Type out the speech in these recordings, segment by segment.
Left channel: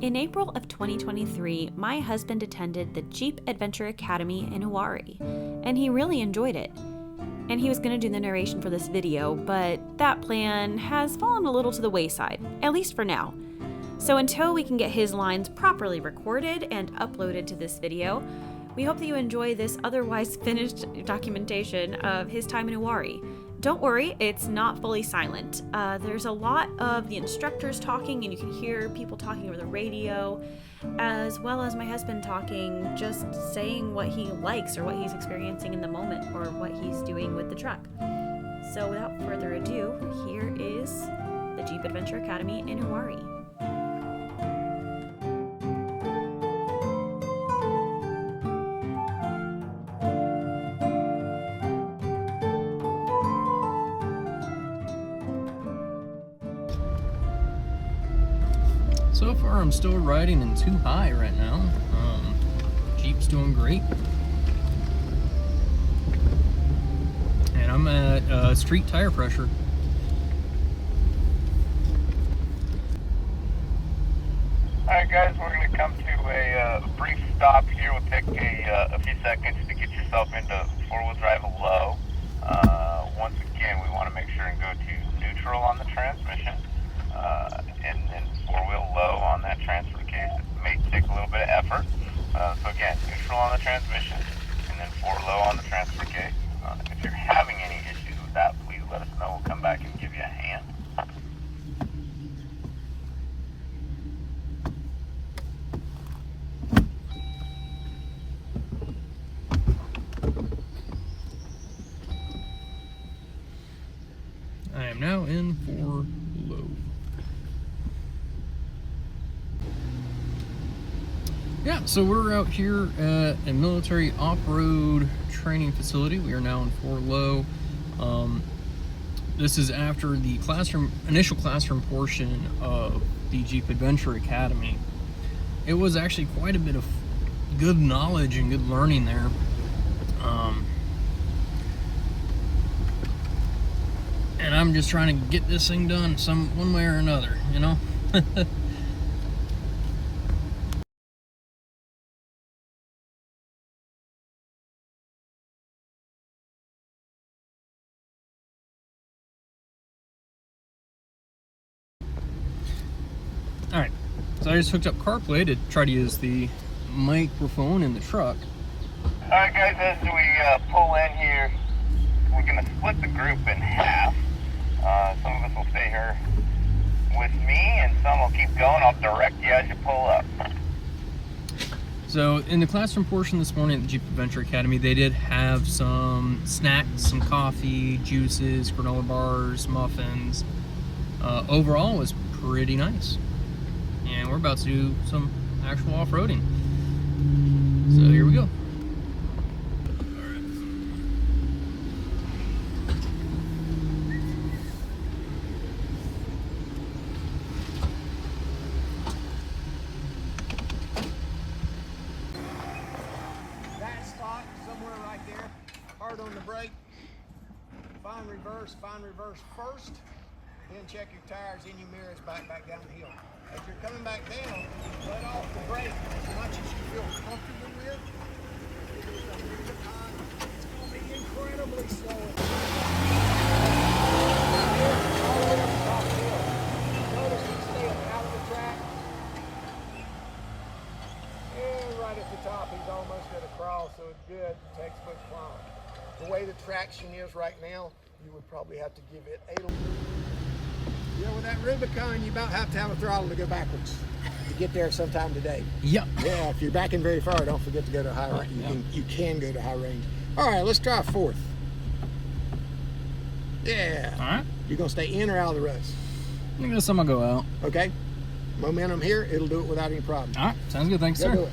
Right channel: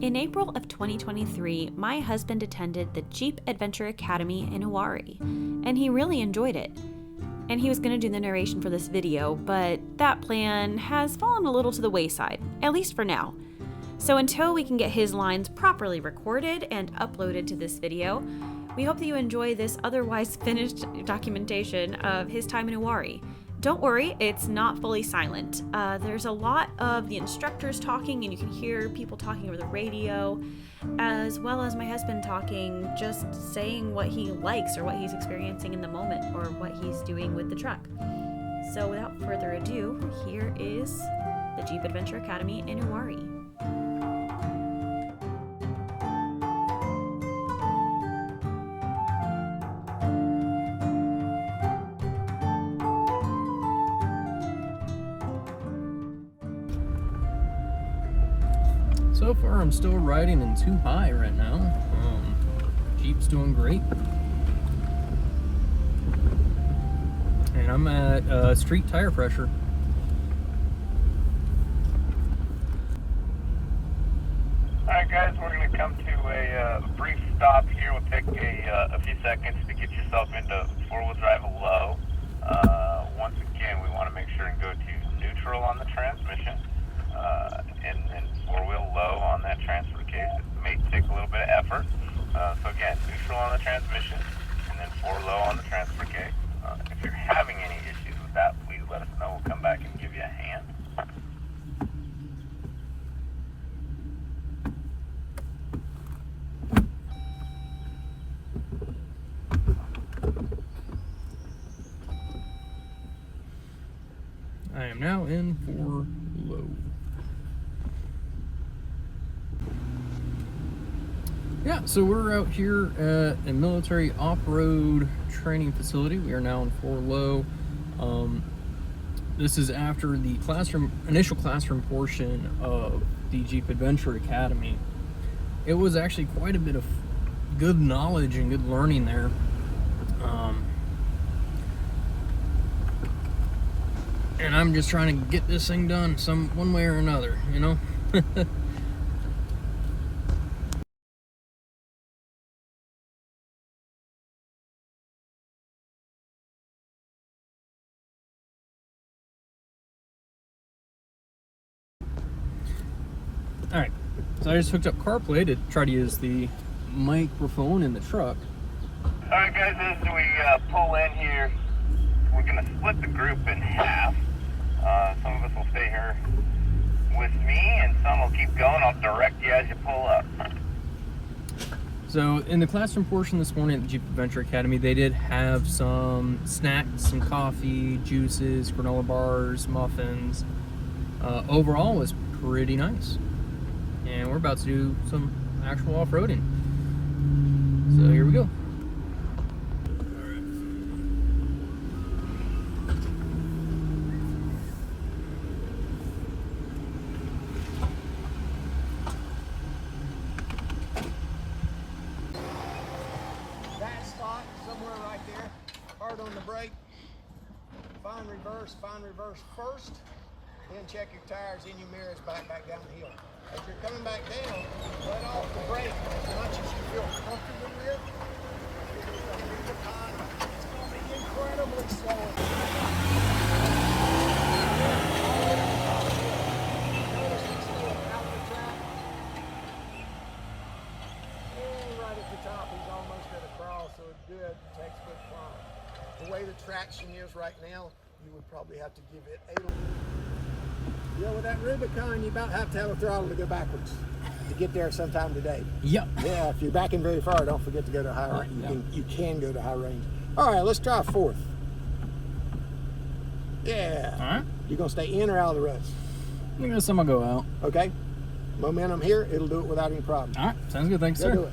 In April of 2023, my husband attended the Jeep Adventure Academy in Uwharrie, and he really enjoyed it. And he was going to do the narration for this video, but that plan has fallen a little to the wayside, at least for now. So until we can get his lines properly recorded and uploaded to this video, we hope that you enjoy this otherwise finished documentation of his time in Uwharrie. Don't worry, it's not fully silent. There's a lot of the instructors talking, and you can hear people talking over the radio, as well as my husband talking, just saying what he likes or what he's experiencing in the moment or what he's doing with the truck. So without further ado, here is the Jeep Adventure Academy in Uwharrie. So far, I'm still riding in 2 high right now. Jeep's doing great. And I'm at street tire pressure. Alright guys, we're going to come to a brief stop here. We'll take a few seconds to get yourself into 4-wheel drive low. Once again, we want to make sure and go to neutral on the transmission. And 4-wheel low on that transfer case. It may take a little bit of effort. So again, neutral on the transmission, and then 4 low on the transfer case. If you're having any issues with that, please let us know. We'll come back and give you a hand. I am now in 4 low. Yeah, so we're out here at a military off-road training facility. We are now in 4 low. This is after the initial classroom portion of the Jeep Adventure Academy. It was actually quite a bit of good knowledge and good learning there. And I'm just trying to get this thing done one way or another, you know? Alright, so I just hooked up CarPlay to try to use the microphone in the truck. Alright guys, as we pull in here, we're going to split the group in half. Some of us will stay here with me, and some will keep going. I'll direct you as you pull up. So in the classroom portion this morning at the Jeep Adventure Academy, they did have some snacks, some coffee, juices, granola bars, muffins. Overall, it was pretty nice. And we're about to do some actual off-roading. So here we go. That spot, somewhere right there, hard on the brake, find reverse first, then check your tires in your mirrors back down the hill. As you're coming back down, let off the brake as much as you feel comfortable with. It's going to be incredibly slow. Notice you stay out the track. And right at the top, he's almost at a crawl, so it's good. Textbook climb. The way the traction is right now, you would probably have to give it 8. Yeah, with that Rubicon, you about have to have a throttle to go backwards to get there sometime today. Yep. Yeah, if you're backing very far, don't forget to go to high range. You can go to high range. All right, let's try 4th. Yeah. All right. You gonna stay in or out of the rust? I guess I'm gonna go out. Okay. Momentum here, it'll do it without any problem. All right, sounds good. Thanks, Go sir. do it.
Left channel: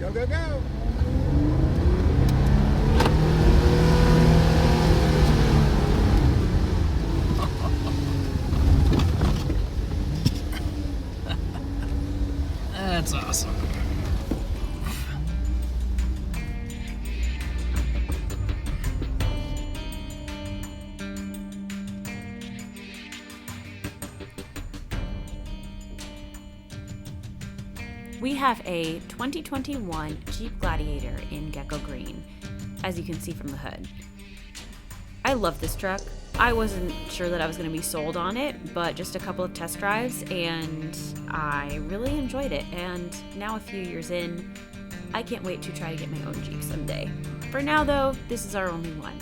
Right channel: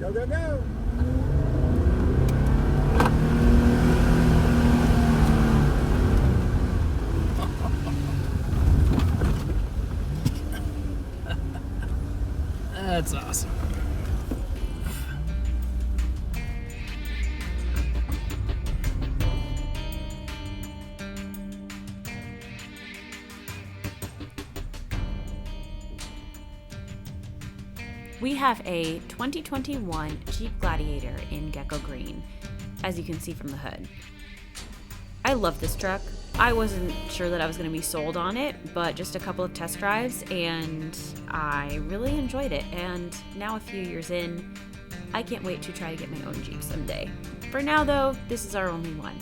Go, go, go. That's awesome. We have a 2021 Jeep Gladiator in Gecko Green, as you can see from the hood. I love this truck. I wasn't sure that I was going to be sold on it, but just a couple of test drives and I really enjoyed it. And now a few years in, I can't wait to try to get my own Jeep someday. For now though, this is our only one.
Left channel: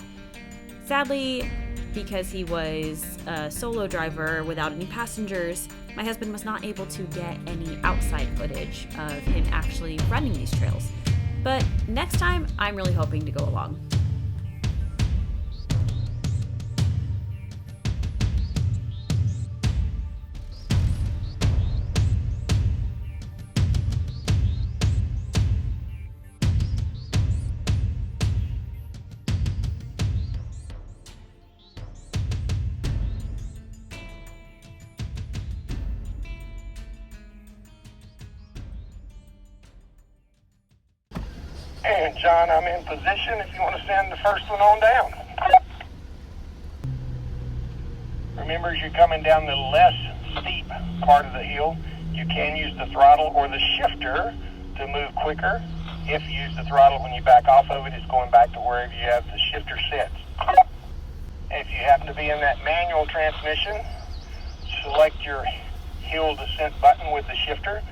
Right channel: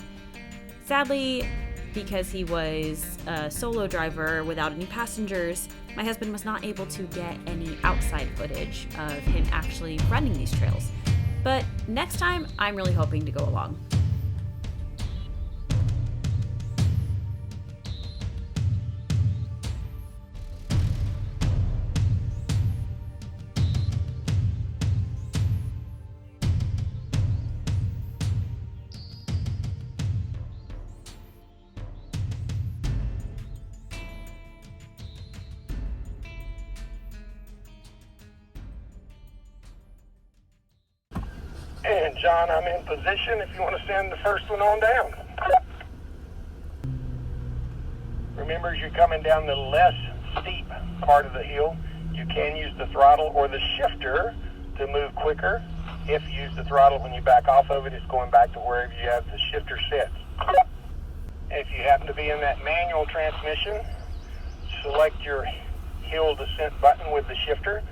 Sadly, because he was a solo driver without any passengers, my husband was not able to get any outside footage of him actually running these trails. But next time, I'm really hoping to go along. And John, I'm in position if you want to send the first one on down. Remember, as you're coming down the less steep part of the hill, you can use the throttle or the shifter to move quicker. If you use the throttle when you back off of it, it's going back to wherever you have the shifter set. If you happen to be in that manual transmission, select your hill descent button with the shifter,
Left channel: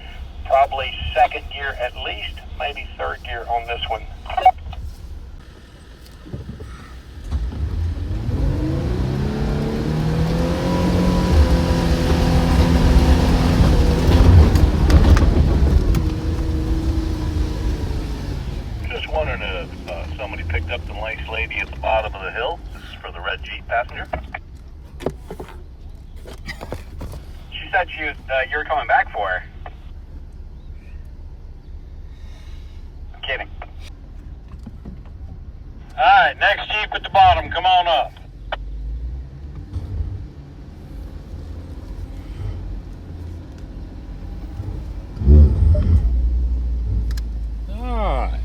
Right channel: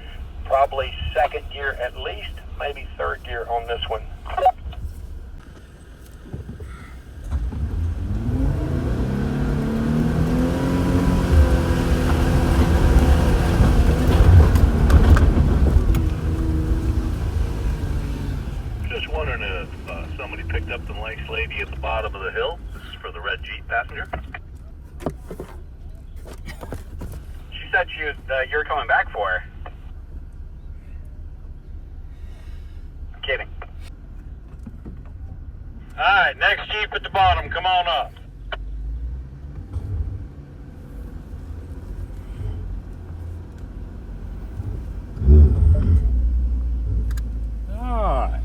probably second gear at least, maybe third gear on this one. Just wondering if somebody picked up the nice lady at the bottom of the hill. This is for the red Jeep passenger. She said you were coming back for her. Kidding. Alright, next Jeep at the bottom, come on up. Alright.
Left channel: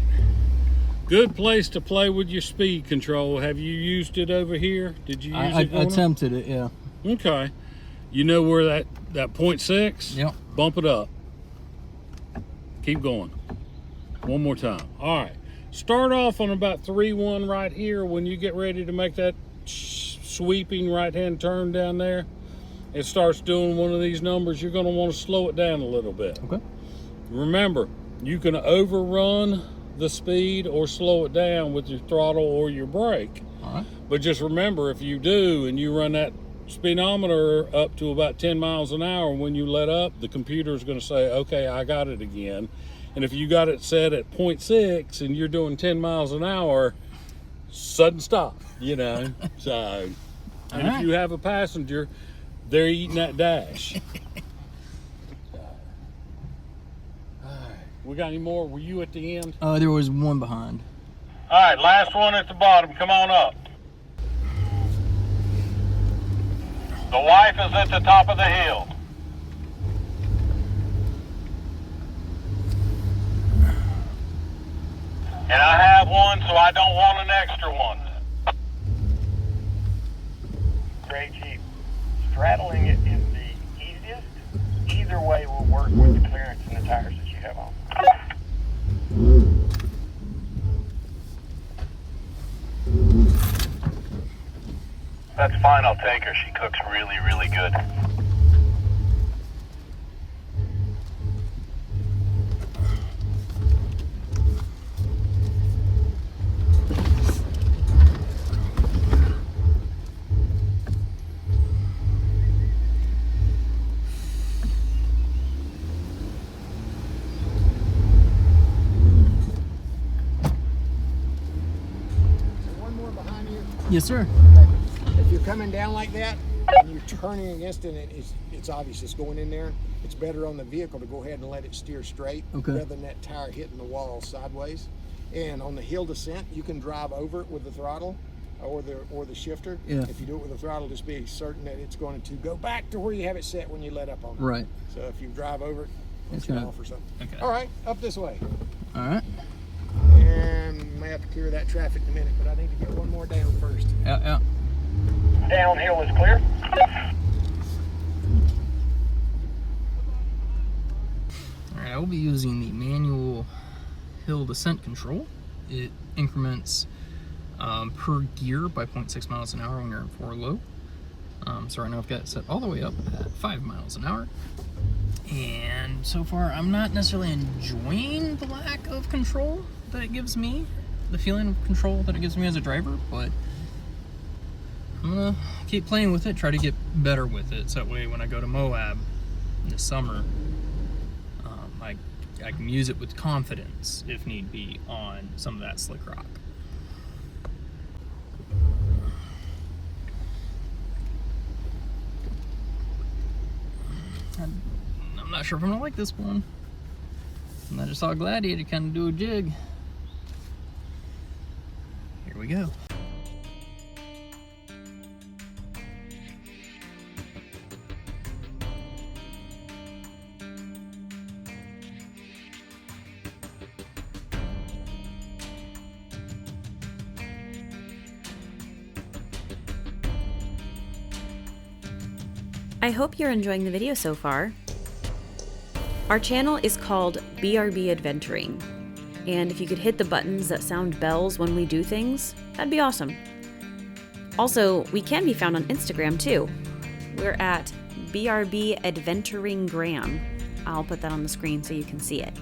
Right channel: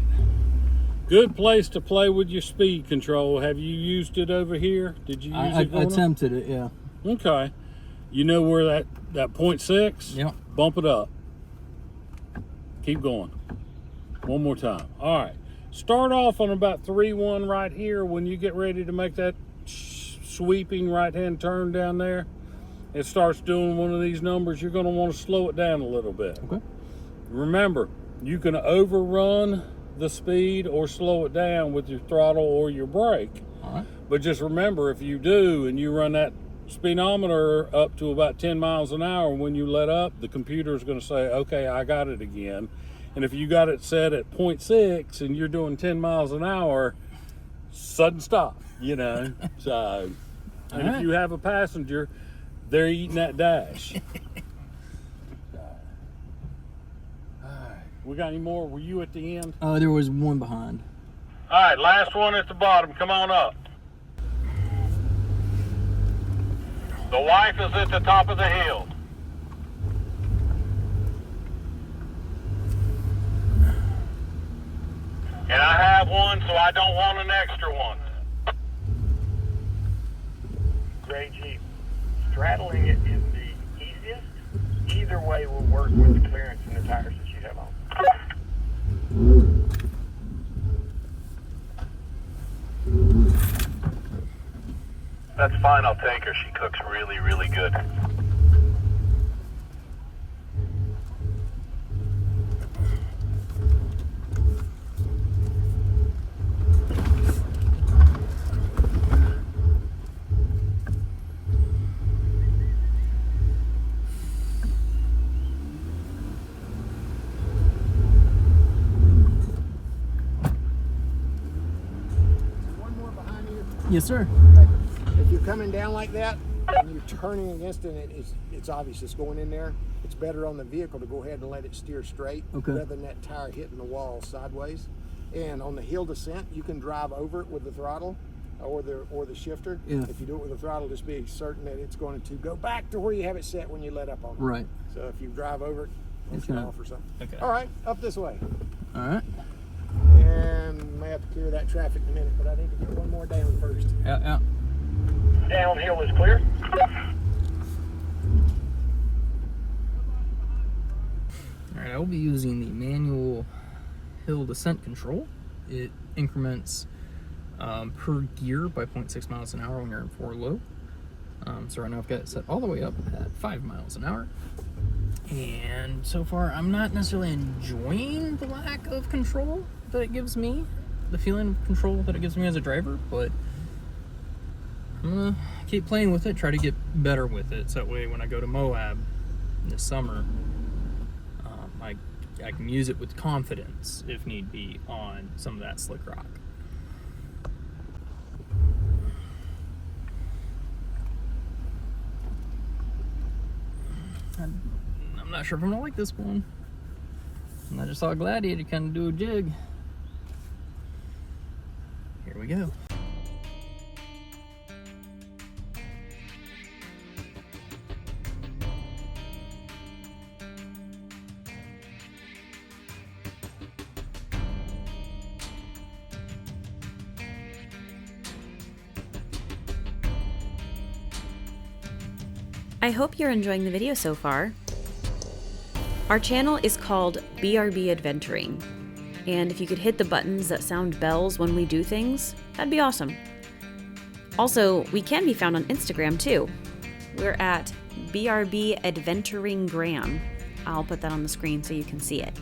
Good place to play with your speed control. Have you used it over here? Did you use it? I attempted it, yeah. Okay. You know where that 0.6? Yep. Bump it up. Keep going. One more time. All right. Start off on about 3-1 right here. When you get ready to make that sweeping right-hand turn down there, it starts doing one of these numbers. You're going to want to slow it down a little bit. Okay. Remember, you can overrun the speed or slow it down with your throttle or your brake. All right. But just remember, if you do and you run that speedometer up to about 10 miles an hour, when you let up, the computer is going to say, okay, I got it again. And if you got it set at 0.6 and you're doing 10 miles an hour, sudden stop, you know. So, and if you have a passenger, they're eating that dash. We got any more? Were you at the end? There was one behind. Alright, last one at the bottom, come on up. The wife is at the top of the hill. And I have one, so I don't want an extra one. Gray Jeep. Straddling it is the easiest. Either way will work with the clearance and the tires that you have on. That's fine, I'll take her. She cooks really, really good. Yes, sir. If you're coming down like that and you're turning against it, and it's obvious it's going in there, it's better on the vehicle to go ahead and let it steer straight rather than that tire hitting the wall sideways. And on the hill descent, you can drive over it with the throttle or the shifter. Yeah. If you do it with the throttle, just be certain that it's going to go back to where you have it set when you let up on it. Right. So if you drive over it, it's Okay. off or something. Okay. All right, up this way. All right. And may have to clear that traffic in a minute, but I need to get one more down first. Out, out. Downhill is clear. All right, I'll be be using the manual hill descent control. It increments per gear by 0.6 miles an hour when you're in 4 low. So right now I've got it set all the way up at 5 miles an hour. And so far I'm not necessarily enjoying the lack of control that it gives me, the feeling of control that it gives me as a driver, but I'm gonna keep playing with it, try to get better with it, so that way when I go to Moab this summer, I can use it with confidence, if need be, on some of that slick rock. I'm not sure if I'm gonna like this one. And I just saw a Gladiator kind of do a jig. Here we go. I hope you're enjoying the video so far. Our channel is called BRB-Adventuring, and if you could hit the buttons that sound bells when we do things, that'd be awesome. Also, we can be found on Instagram too. We're at BRB-Adventuring. I'll put that on the screen so you can see it.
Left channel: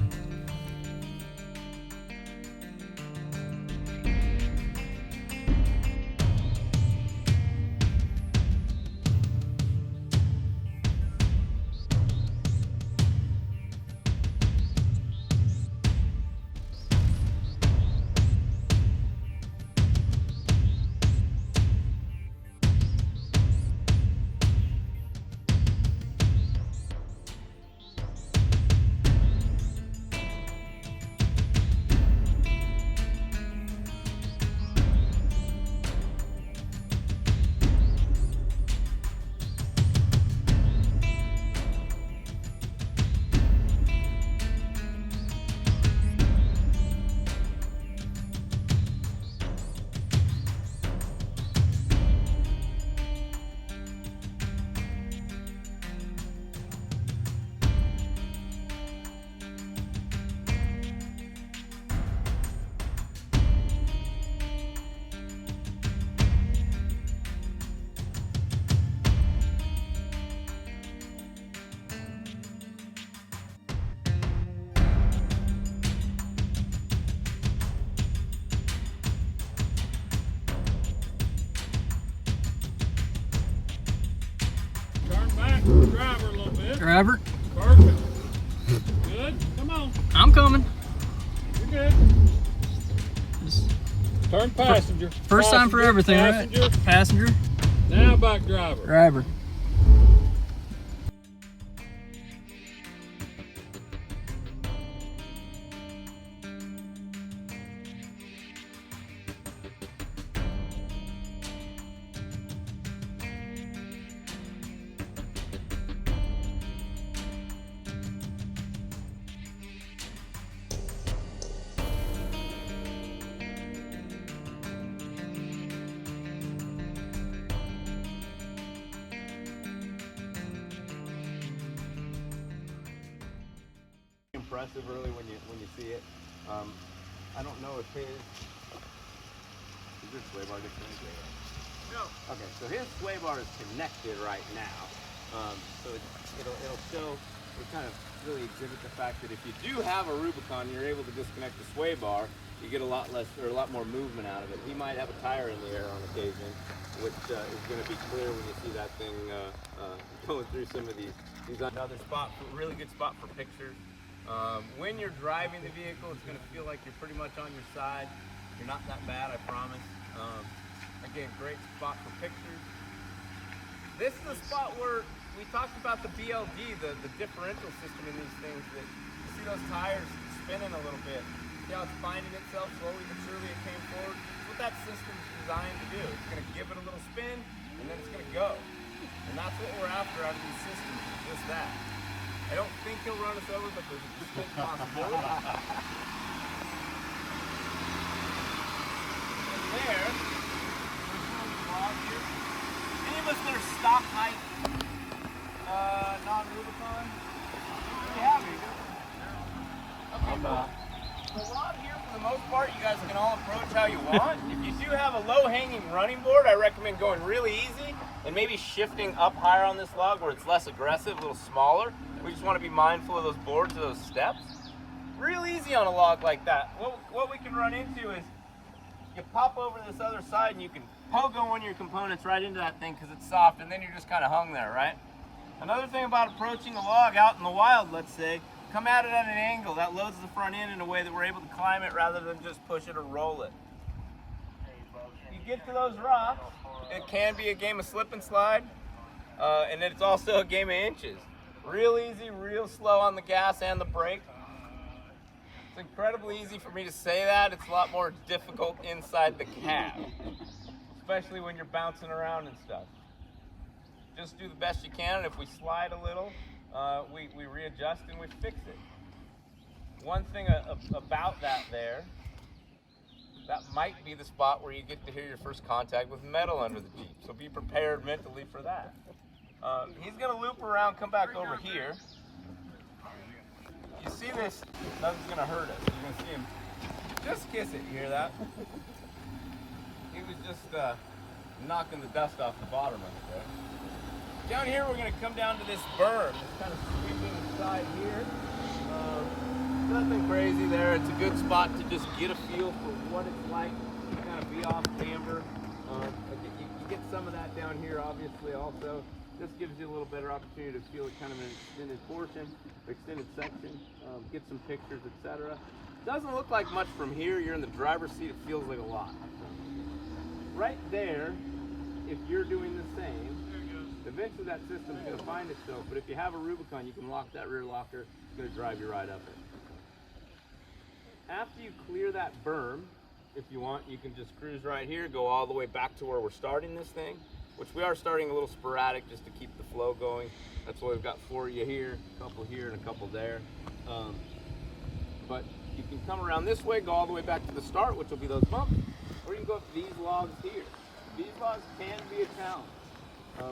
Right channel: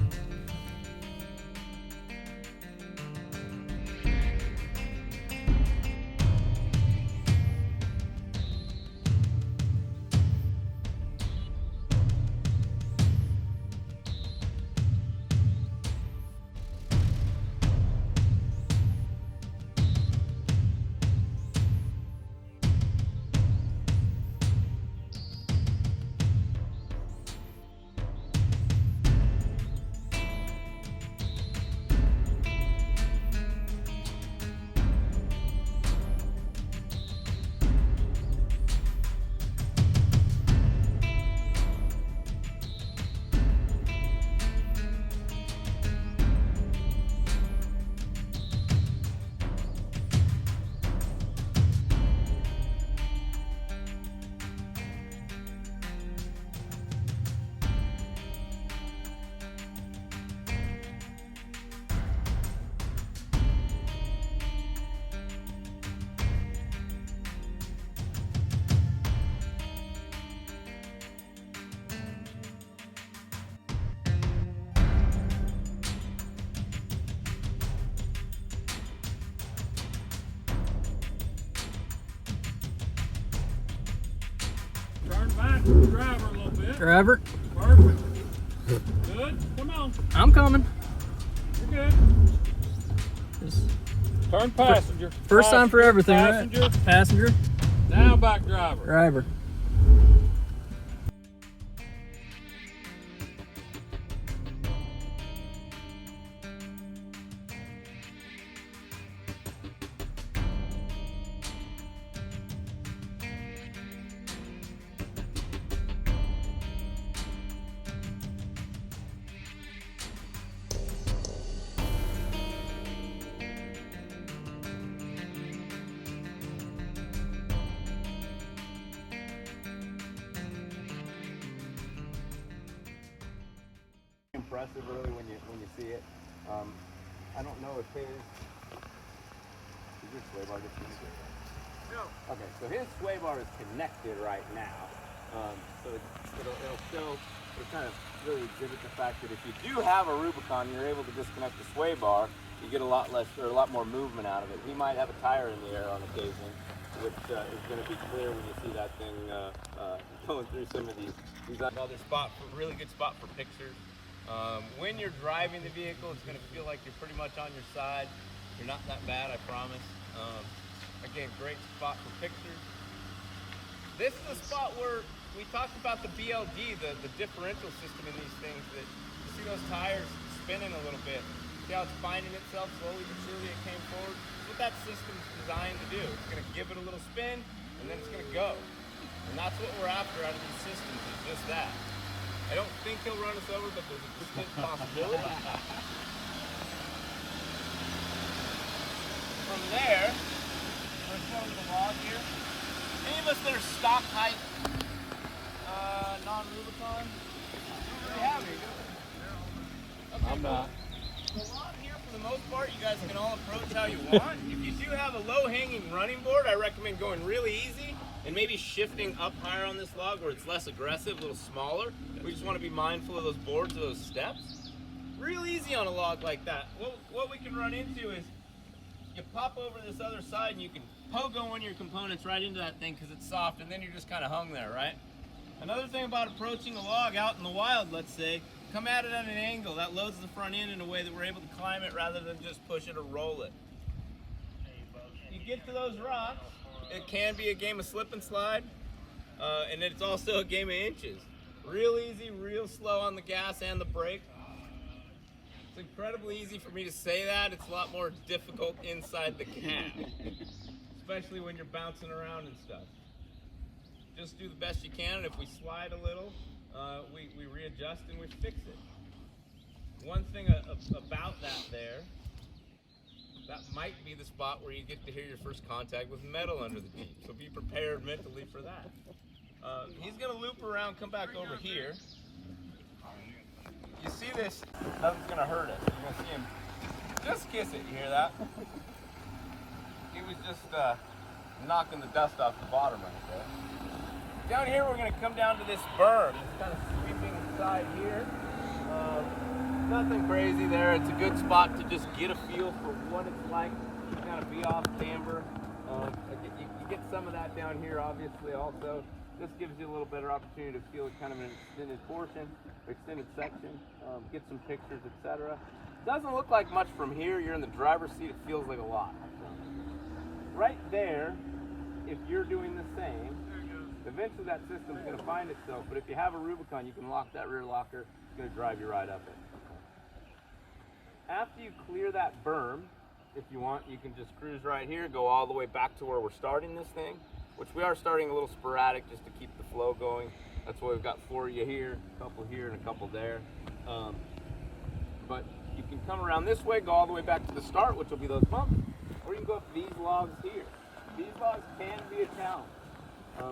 Driver a little bit. Driver. Perfect. Good. Come on. I'm coming. You're good. Just Turn passenger. first time for everything, passenger. right? Passenger. Now back driver. Driver. Impressive really when you see it. I don't know if his sway bar disconnected? No. Okay, so his sway bar is connected right now. So it'll show, it'll kind of really exhibit the fact that if you do have a Rubicon, you're able to disconnect the sway bar, you get a lot less or a lot more movement out of it. He might have a tire in the air on occasion, which is going to be clear when you see that thing going through some of these. Another spot, really good spot for pictures. When you're driving the vehicle, it's going to feel like you're pretty much on your side. You're not that bad, I promise. Again, great spot for pictures. This is a spot where we talked about the BLD, the differential system in these things. That you see those tires spinning a little bit. See how it's finding itself slowly but surely. It came forward. That's what that system's designed to do. It's going to give it a little spin, and then it's going to go. And that's what we're after out of these systems, is just that. I don't think he'll run us over, but there's a distinct possibility. From there, let's close the log here. Any of us that are stock height, non-Rubicon, really have any. how you want. If you do have a low-hanging running board, I recommend going really easy and maybe shifting up higher on this log where it's less aggressive, a little smaller. We just want to be mindful of those boards, of those steps. Real easy on a log like that. What we can run into is you pop over to this other side and you can pogo one of your components right into that thing because it's soft, and then you're just kind of hung there, right? Another thing about approaching a log out in the wild, let's say, come at it at an angle. That loads the front end in a way that we're able to climb it rather than just push it or roll it. You get to those rocks, it can be a game of slip and slide, and it's also a game of inches. Real easy, real slow on the gas and the brake. It's incredibly easy for me to say that. It's a lot more difficult inside the cab, especially when you're bouncing around and stuff. Just do the best you can, and if we slide a little, we readjust and we fix it. One thing about that there, that might be the spot where you get to hear your first contact with metal under the Jeep, so be prepared mentally for that. He's gonna loop around, come back over here. You see this, nothing's gonna hurt it. You're gonna see him just kiss it, you hear that? He was just knocking the dust off the bottom of it. Down here, we're going to come down to this berm, this kind of sweeping side here. Nothing crazy there. It's a good spot to just get a feel for what it's like to kind of be off camber. You get some of that down here, obviously, also. This gives you a little better opportunity to feel kind of an extended portion, extended section, get some pictures, etc. Doesn't look like much from here. You're in the driver's seat. It feels like a lot. Right there, if you're doing the same, eventually that system's going to find itself, but if you have a Rubicon, you can lock that rear locker. It's going to drive you right up it. After you clear that berm, if you want, you can just cruise right here, go all the way back to where we're starting this thing, which we are starting a little sporadic just to keep the flow going. That's why we've got 4 of you here, a couple here, and a couple there. But you can come around this way, go all the way back to the start, which will be those bumps, or you can go up these logs here. These logs can be a challenge.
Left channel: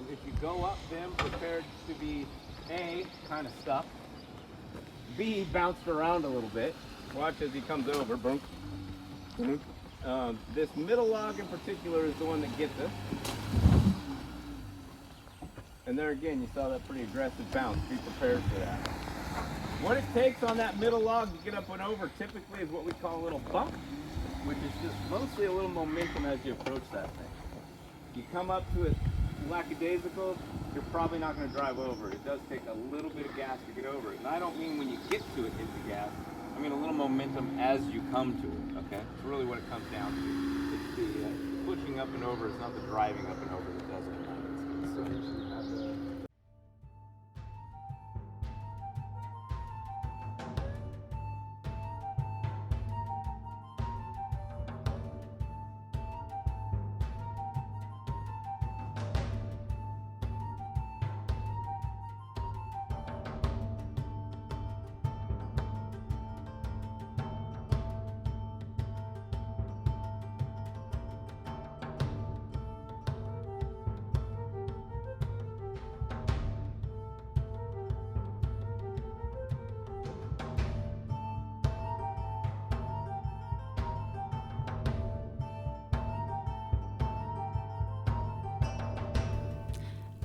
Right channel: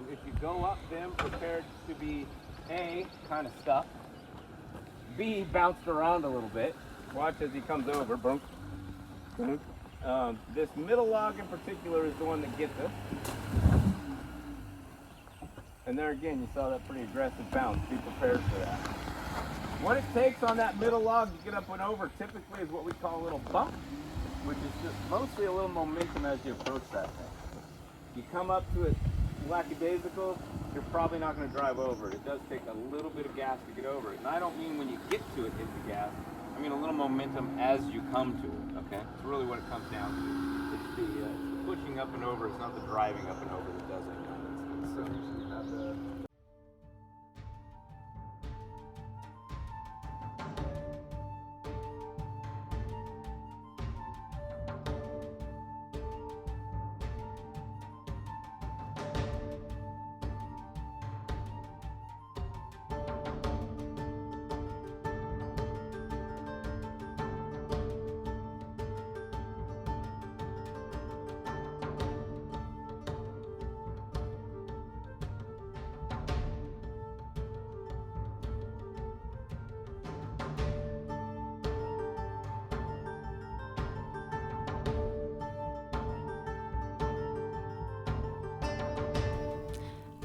If you go up them prepared to be A, kind of stuck, B, bounced around a little bit. Watch as he comes over, boom, boom. This middle log in particular is the one that gets us. And there again, you saw that pretty aggressive bounce. Be prepared for that. What it takes on that middle log to get up and over typically is what we call a little bump, which is just mostly a little momentum as you approach that thing. You come up to it lackadaisical, you're probably not going to drive over it. It does take a little bit of gas to get over it. And I don't mean when you get to it, hit the gas. I mean a little momentum as you come to it, okay? It's really what it comes down to. It's the pushing up and over. It's not the driving up and over that does it in that instance. So.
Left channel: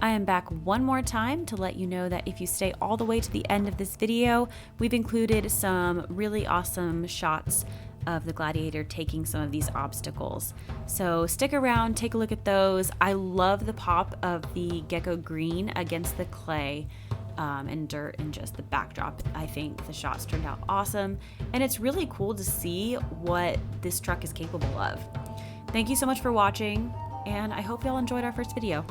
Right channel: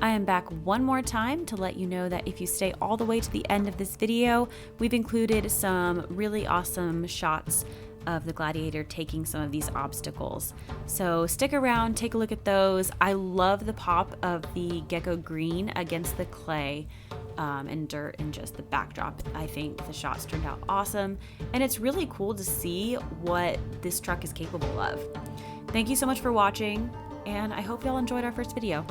I am back one more time to let you know that if you stay all the way to the end of this video, we've included some really awesome shots of the Gladiator taking some of these obstacles. So stick around, take a look at those. I love the pop of the Gecko green against the clay and dirt and just the backdrop. I think the shots turned out awesome, and it's really cool to see what this truck is capable of. Thank you so much for watching, and I hope y'all enjoyed our first video.